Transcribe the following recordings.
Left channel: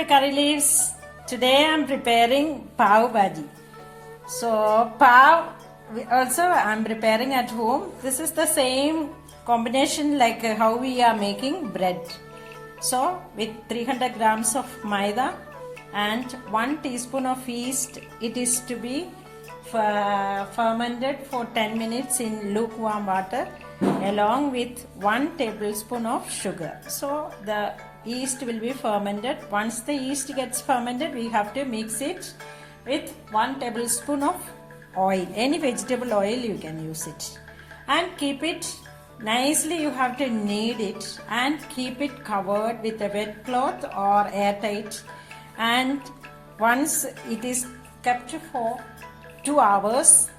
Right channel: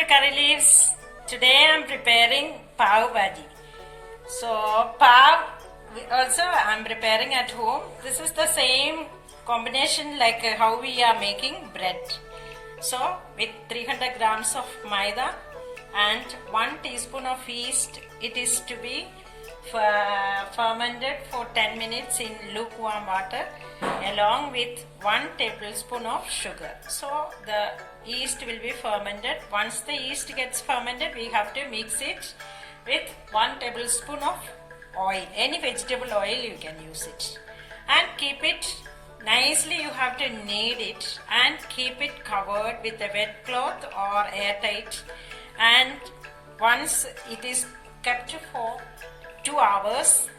to Curry Leaves. Today I am preparing pav bhaji. So pav also I am preparing at home. This is the same combination like how we are making bread. So with 300 grams of maida and 1 teaspoon of yeast, it is to be fermented for 10 minutes in lukewarm water along with 1 tablespoon of sugar. So the yeast will be fermented. Once the yeast gets fermented, we have to mix it with 1 tablespoon of oil. Any vegetable oil you can use it. And keep it nicely, you have to knead it and keep it covered with a wet cloth or airtight. And once it is kept for 2 hours,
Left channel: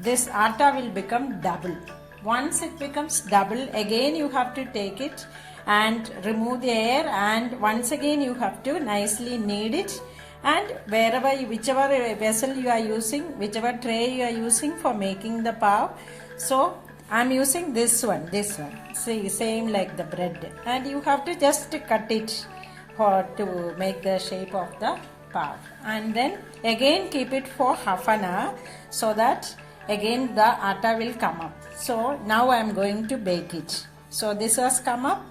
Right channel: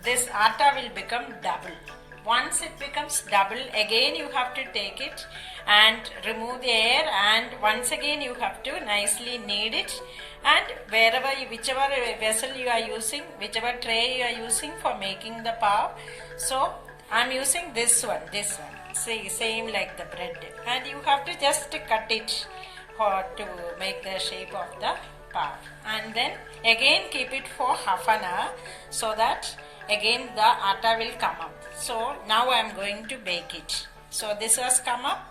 this atta will become double. Once it becomes double, again you have to take it and remove the air, and once again you have to nicely knead it. And whichever vessel you are using, whichever tray you are using for making the pav, so I am using this one. See, same like the bread, and you have to just cut it to make the shape of the pav, and then again keep it for half an hour so that again the atta will come up. So now I am going to bake it. So this has come up.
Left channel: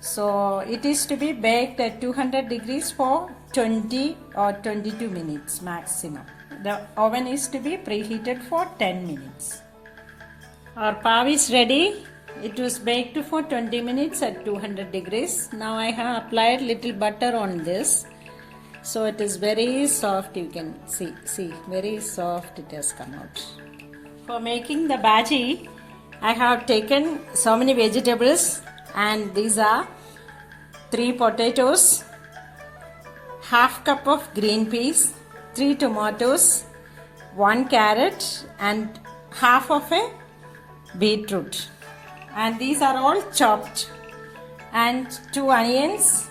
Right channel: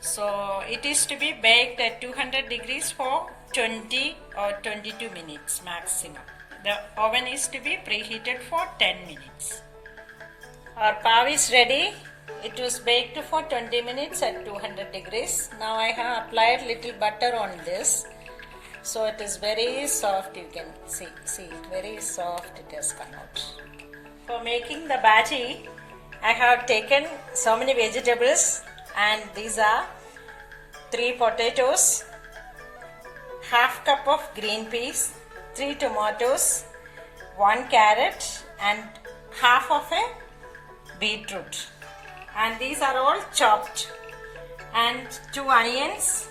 So it is to be baked at 200 degrees for 20 or 22 minutes maximum. The oven is to be preheated for 10 minutes. Our pav is ready. It was baked for 20 minutes at 200 degrees. Now I have applied little butter on this. So it is very soft, you can see, very soft it has come out. For making the bhaji, I have taken so many vegetables, and these are 3 potatoes, half cup of green peas, 3 tomatoes, 1 carrot and half of a beetroot. And these are all chopped, and 2 onions,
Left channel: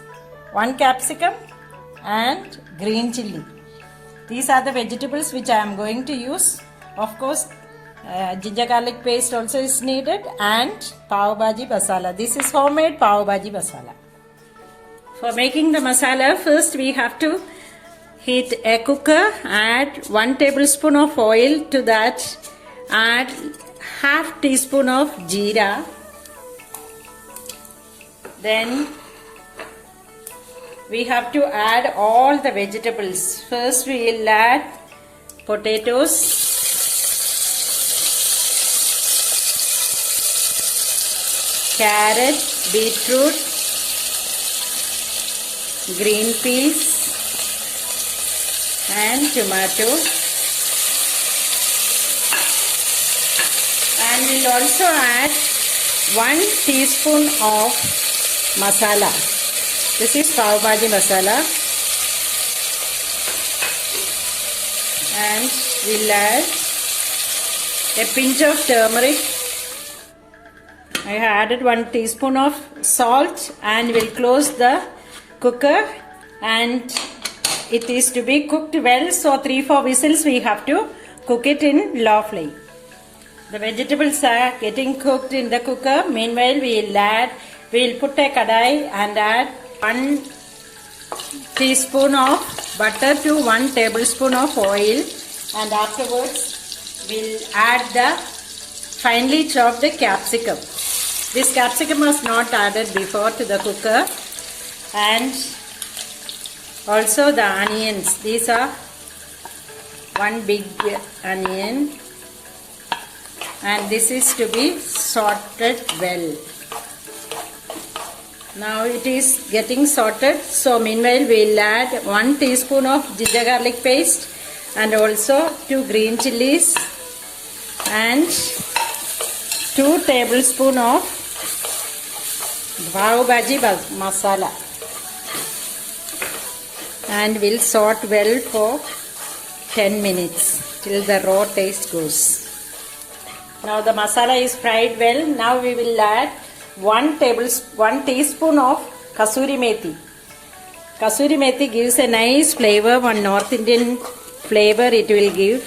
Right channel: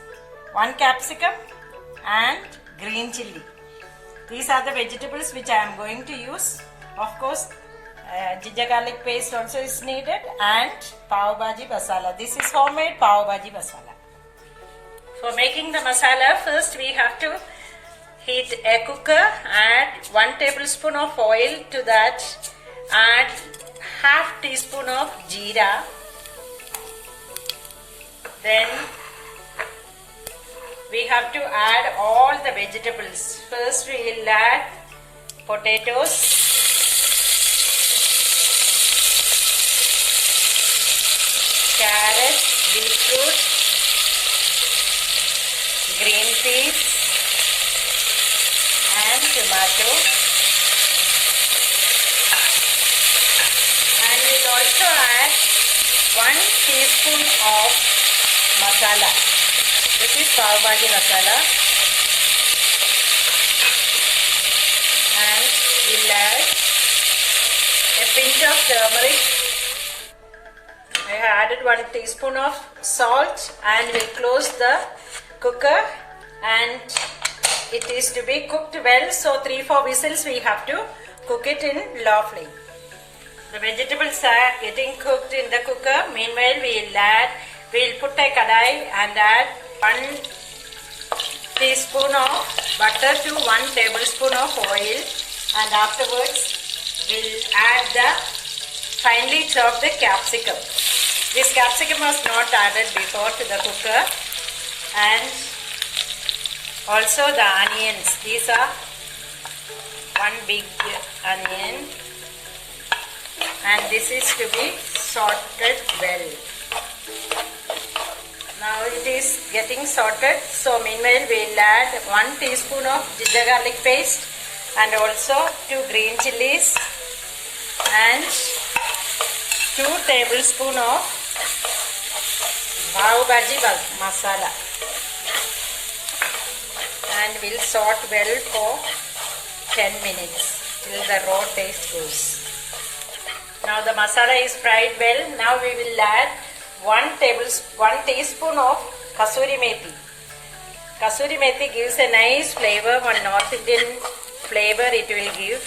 1 capsicum and green chilli. These are the vegetables which I am going to use. Of course, ginger garlic paste also is needed, and pav bhaji masala. This is homemade pav bhaji masala. For making the masala, first we have to heat a cooker, add 1 tablespoon of oil to that, add half teaspoon of jeera, then we have to add all the vegetables. First we will add potatoes, carrot, beetroot, green peas and tomato, and we will also add 1 teaspoon of masala. This is pav bhaji masala, and we will add a pinch of turmeric. I have added 1 teaspoon of salt, and we'll close the cooker, and it is to be cooked well. So 3-4 whistles we have to cook it in low flame. The vegetables are getting cooked in the cooker. Meanwhile, we'll put a kadai and add 1 teaspoon of butter to 1 tablespoon of oil, and afterwards we'll add the finely chopped capsicum. This capsicum was not added before to the cooker, and also the onions. These are 1 big onion, and this is to be sauteed well. Now it is getting sauteed. So meanwhile we'll add 1 teaspoon of ginger garlic paste, and also 2 green chilies and 2 tablespoons of pav bhaji masala, and we'll saute well for 10 minutes till the raw taste goes. Now the masala is fried well. Now we will add 1 teaspoon of kasuri methi. Kasuri methi gives a nice flavor, one North Indian flavor it will give.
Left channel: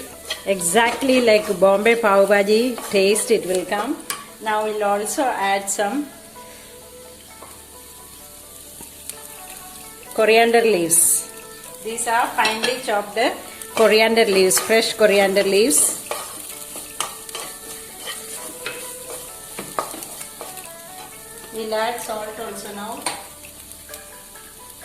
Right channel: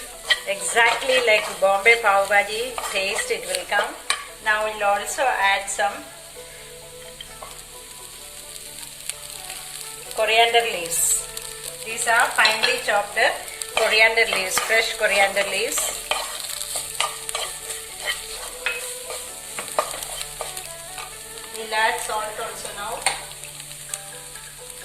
Exactly like Bombay pav bhaji taste it will come. Now we'll also add some coriander leaves. These are finely chopped coriander leaves, fresh coriander leaves. We'll add salt also now.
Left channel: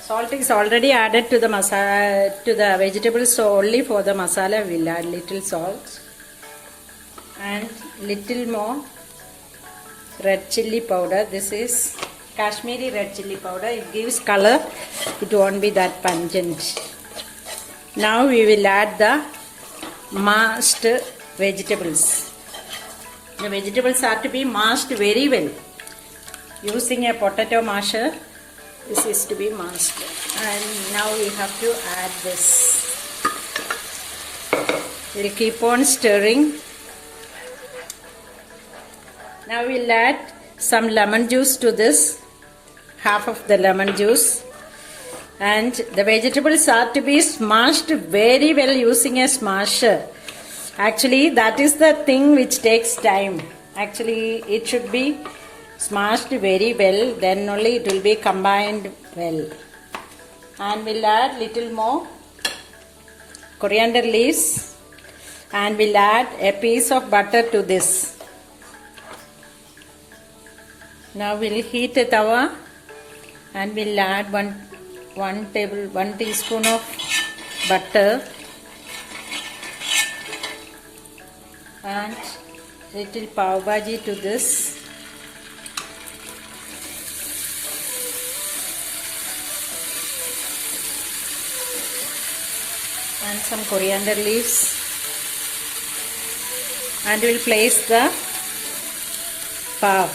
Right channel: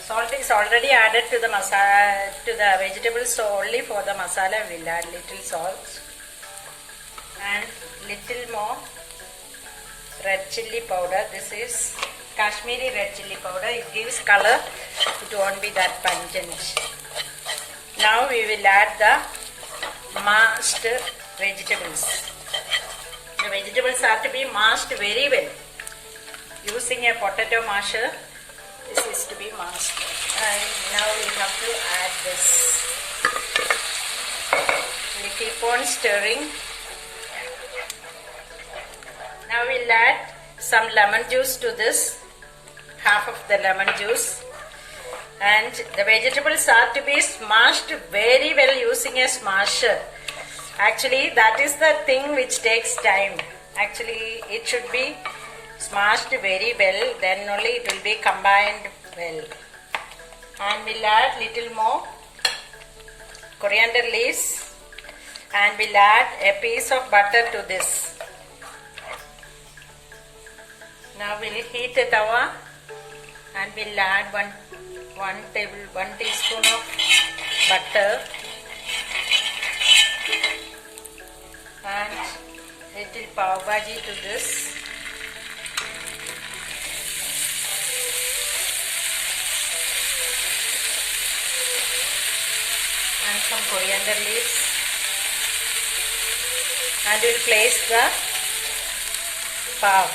Salt is already added to the masala, to the vegetables, so only for the masala we'll add little salt and little more red chilli powder. This is Kashmiri red chilli powder. It gives color. It won't be that pungent. Now we will add the mashed vegetables. The vegetables are to be mashed very well. Using a potato masher, this is to be mashed. And now we have to add this. We'll keep on stirring. Now we'll add some lemon juice to this. Half of the lemon juice. And the vegetables are to be smashed very well using a smasher. Actually, that is the thing which takes time. Actually, it should be smashed very well, then only it will be combined well. And we'll add little more coriander leaves and we'll add a piece of butter to this. Now we'll heat the tawa and we'll add one teaspoon of butter and little pav bhaji to this. And some coriander leaves, and we'll place the pav.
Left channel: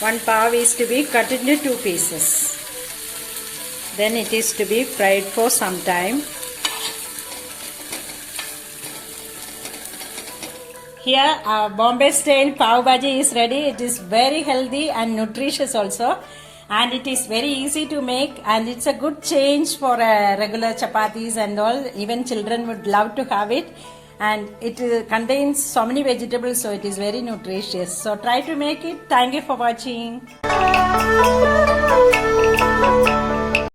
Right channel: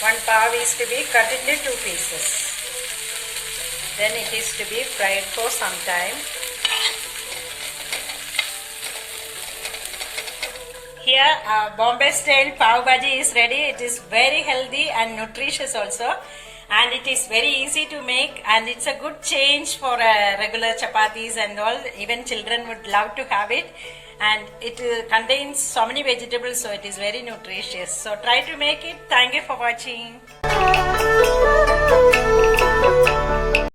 One pav is to be cut into 2 pieces. Then it is to be fried for some time. Here Bombay style pav bhaji is ready. It is very healthy and nutritious also. And it is very easy to make, and it's a good change for regular chapatis and all. Even children would love to have it, and it contains so many vegetables, so it is very nutritious. So try to make it. Thank you for watching.